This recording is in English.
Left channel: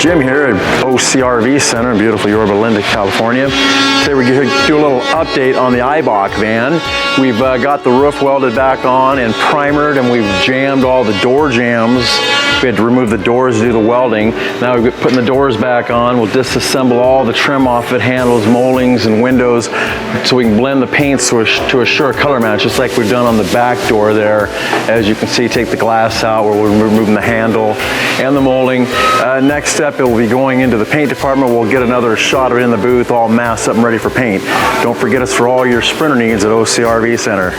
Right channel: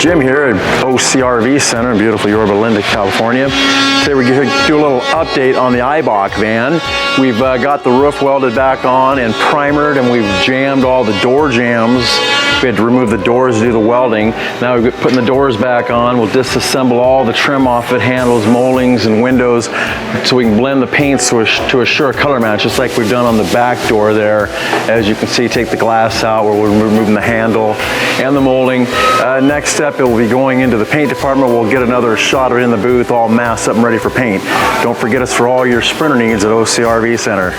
Jim here at OCRV Center in beautiful Yorba Linda, California. Today we're going to do a little update on the Eibach van. We've got the roof welded back on and primered, and we've jammed all the door jambs. We had to remove the doors to do the welding. Now we're putting the doors back on. We'll disassemble all the trim off it, handles, moldings, and windows, so we can blend the paints to assure a color match, just like we've done on the back door there. As you can see, take the glass out where we're removing the handle and the molding. Next step, it will be going into the paint department. We'll get another shot of it in the booth, all masked up and ready for paint. Don't forget us for all your sprinter needs at OCRV Center.